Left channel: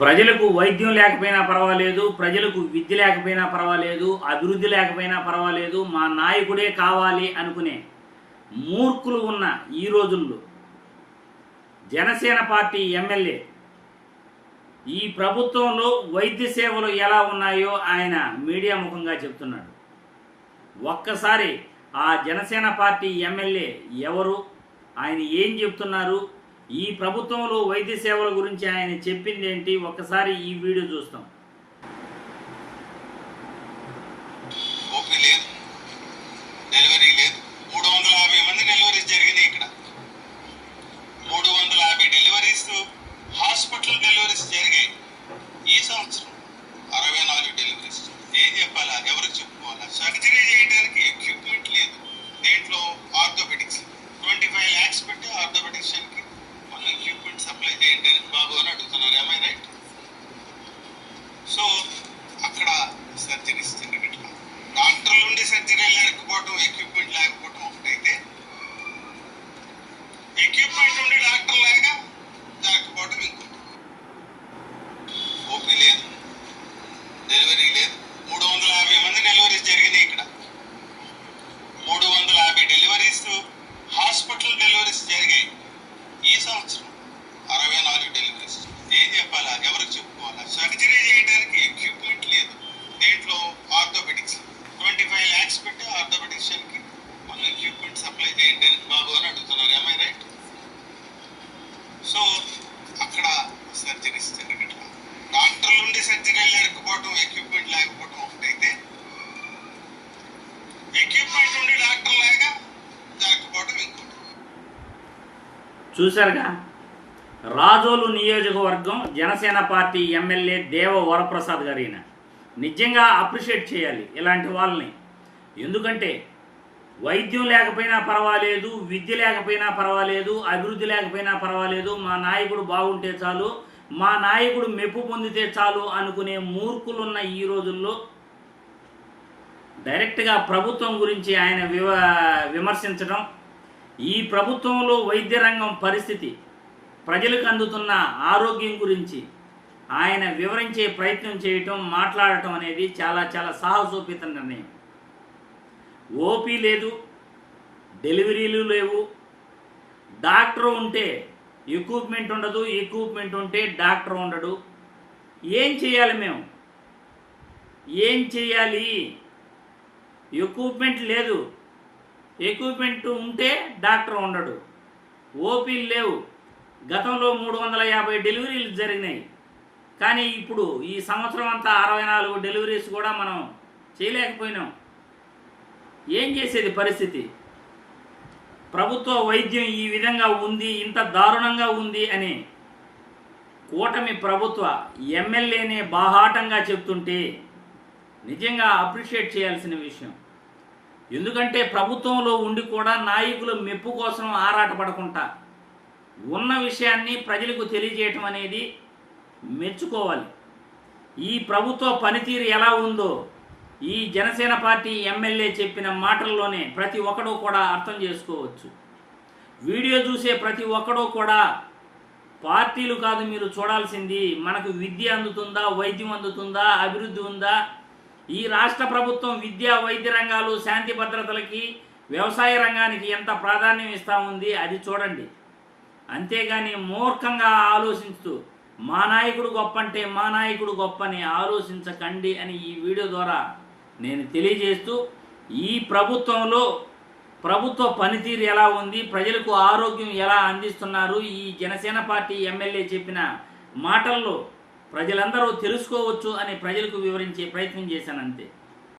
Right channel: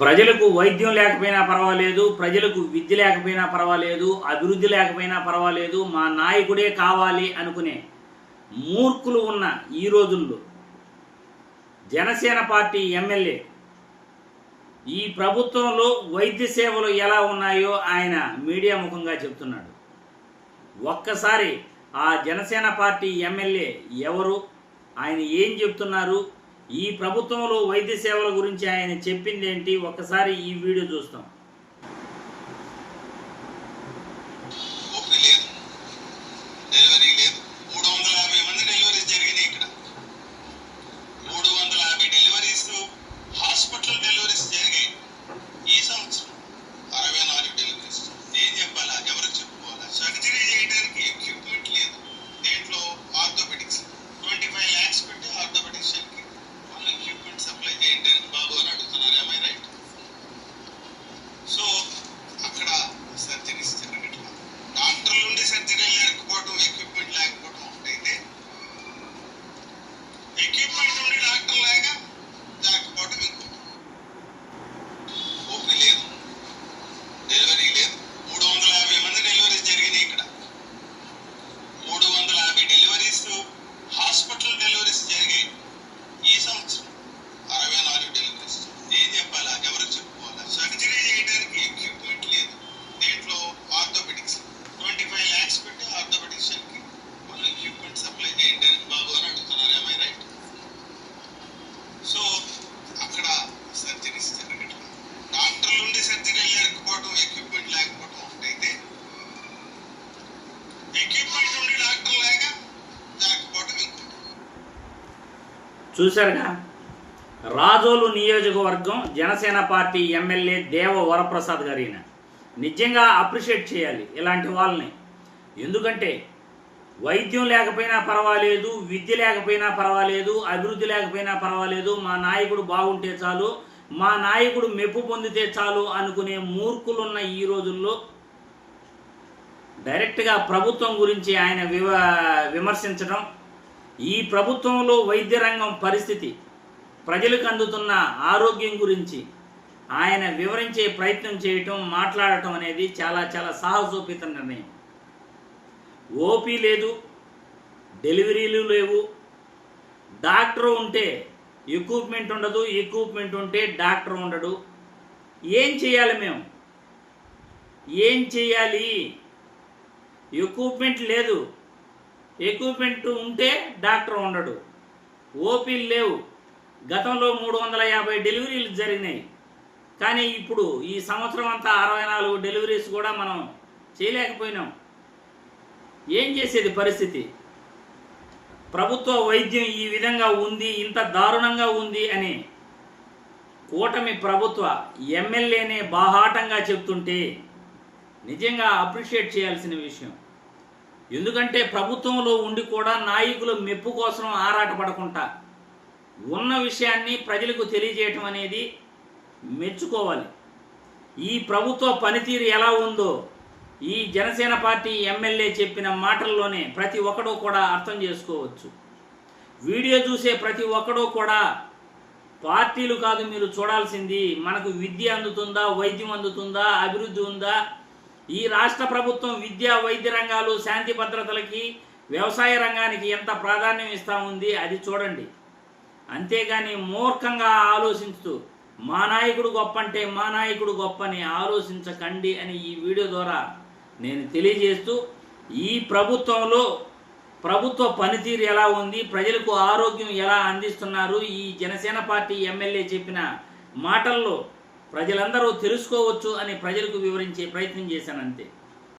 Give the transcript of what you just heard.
ప్రజలకు వైద్యం లేకపోయినా పర్వాలేదు, ప్రజలకు విద్య లేకపోయినా పర్వాలేదు, అభివృద్ధి లేకపోయినా పర్వాలేదు, మా నాయకుడే కావాలి అనుకునే మూర్ఖులు ఉన్న ఈ రోజుల్లో జనసేన పార్టీ ఎమ్మెల్యే ఈ ప్రభుత్వంలో వైద్య సేవలు ఎలా ఉన్నాయో ఆయన మీడియా ముఖంగా చెప్తున్నాడు. ఒక్కసారి ఆ జనసేన పార్టీ ఎమ్మెల్యే ఎవరు, ఆయన ఏం చెప్తున్నారు, ఈ ప్రభుత్వంలో వైద్య సేవల గురించి ఆయన చెప్పింది ఏంటి, ఒక్కసారి ఈ వీడియో చూస్తాం. హాస్పిటల్ డెలివరీస్ జరిగాయి ఈ సంవత్సరం. 64 డెలివరీస్. ఏం చెప్పాలా, ఎవరికి చెప్పుకోవాలా? సర్జరీ చేయడానికి ఎక్విప్మెంట్ లేదు. దేంట్లో ఆర్థోపెడిక్స్ 25 lakhs పెట్టి ఆర్థోపెడిక్స్కి వాళ్ళు ఎక్విప్మెంట్ సప్లై చేయండి అని బాబు అని అడుగుతున్నారు. ఏమై రైట్? సో అక్కడ సర్జరీస్ జరగట్లా. డాక్టర్ల నుండి సర్జరీ లేకపోవడం, ఎక్విప్మెంట్ లేకపోవడం ఒకటైతే, ఎక్విప్మెంట్ నుండి డాక్టర్ లాగా లేకపోవడం ఇంకో. ఓపీ లేదు, డెలివరీ లేదు. 350 మంది డెలివరీస్ జరిగినాయి ఇక్కడ. 350 డెలివరీస్ హాస్పిటల్ డెలివరీస్ జరిగాయి ఈ సంవత్సరం. 64 డెలివరీస్. ఏం చెప్పాలా, ఎవరికి చెప్పుకోవాలా? సర్జరీ చేయడానికి ఎక్విప్మెంట్ లేదు. దేంట్లో ఆర్థోపెడిక్స్ 25 lakhs పెట్టి ఆర్థోపెడిక్స్కి వాళ్ళు ఎక్విప్మెంట్ సప్లై చేయండి అని బాబు అని అడుగుతున్నారు. ఏమై రైట్? సో అక్కడ సర్జరీస్ జరగట్లా. డాక్టర్ల నుండి సర్జరీ లేకపోవడం, ఎక్విప్మెంట్ లేకపోవడం ఒకటైతే, ఎక్విప్మెంట్ నుండి డాక్టర్ లాగా లేకపోవడం ఇంకోటి. చూశారుగా, రాజోలు నియోజకవర్గం జనసేన పార్టీ ఎమ్మెల్యే దేవ వరప్రసాద్ గారిన నిజంగా అప్రిషియేట్ చేయాలి ఇలాంటి వాళ్ళని. ఎందుకంటే వైద్యం లేకపోయినా పర్వాలేదు, విద్య లేకపోయినా పర్వాలేదు, అభివృద్ధి లేకపోయినా పర్వాలేదు, మా నాయకుడు బాగుంటే చాలు, మా నాయకుడు మెప్పు పొందితే చాలు అనుకునే మూర్ఖులున్న ఈ రోజుల్లో డైరెక్ట్గా ప్రభుత్వం గురించి ఆయన విమర్శించడం, ఈ ప్రభుత్వంలో వైద్య రంగం పరిస్థితి, ప్రజలకు అందుతున్న ఆరోగ్యం గురించి ఆయన వివరించే ప్రయత్నం చేయటం, మాట్లాడటం అనేది చాలా చాలా సాహసోపేత నిర్ణయం. ఓపీ లేదు, డెలివరీలు లేవు, డాక్టర్ ఉంటే ఎక్విప్మెంట్ ఉండదు, ఎక్విప్మెంట్ ఉంటే డాక్టర్ ఉండడు. ఏం చేయాలి మేము? ఏం చేయాలి? ఎక్విప్మెంట్ లేదు, ఎక్విప్మెంట్ ఉంటే డాక్టర్ ఉండడు, ఓపీలు లేవు. గతంలో 350 డెలివరీలు జరిగినాయి, కానీ ఇప్పుడు ఈ సంవత్సరం అంతా 64 డెలివరీస్ కూడా మనం చేయలేకపోయినాం. ఏం చేసేది పరిస్థితి? ప్రభుత్వ వైద్యం ఈ విధంగా ఉంది, ఇంత దారుణంగా ఉంది అని కూటమి ప్రభుత్వ ఎమ్మెల్యేనే బాహాటంగా చెప్తుంటే నిజంగా అప్రిషియేట్ చేయాల్సిన విషయం. ఎందుకంటే ప్రభుత్వంలో ఉండి కూడా నాయకుల మెప్పు కోసం ఆరాటపడకుండా ఉన్న విషయాన్ని ప్రజలకు తెలియజేయటం అనేది మెచ్చుకోవాలి. ఈ ప్రభుత్వ పనితీరు ఎలా ఉందో ఈ జనసేన పార్టీ ఎమ్మెల్యే చెప్పిన మాటల్లోనే ప్రతి ఒక్కడూ కూడా అర్థం చేసుకోవచ్చు. వీడియో చూసే ప్రతి ఒక్కడూ కూడా పార్టీలు కాదు మీరు చూడాల్సింది, మనకు విద్య అందుతుందా, వైద్యం అందుతుందా, అభివృద్ధి ఉందా, ఈ రాష్ట్ర ప్రభుత్వం విద్య, వైద్య రంగాలు, శాంతి భద్రతలకి, వ్యవసాయ రంగానికి ఎంత ప్రాధాన్యం ఇస్తా ఉంది అది చూడండి. అంతేగాని మూర్ఖంగా ఆలోచించుతూ మా నాయకుడు గొప్ప అంటే మా నాయకుడు గొప్ప అని ఆలోచించకండి అని ఈ వీడియో ద్వారా నేను తెలియజేస్తూ, ఈ ప్రభుత్వంలో ప్రభుత్వ పనితీరు ఎలా ఉంది, ప్రజలకు ఆరోగ్యం ఎలా అందిస్తున్నారు, ఈ జనసేన పార్టీ ఎమ్మెల్యే చెప్పిన మాటల్లో ప్రజలందరూ తెలుసుకోవచ్చు అని ప్రజలకు వివరించే ప్రయత్నం చేశాను అంతే.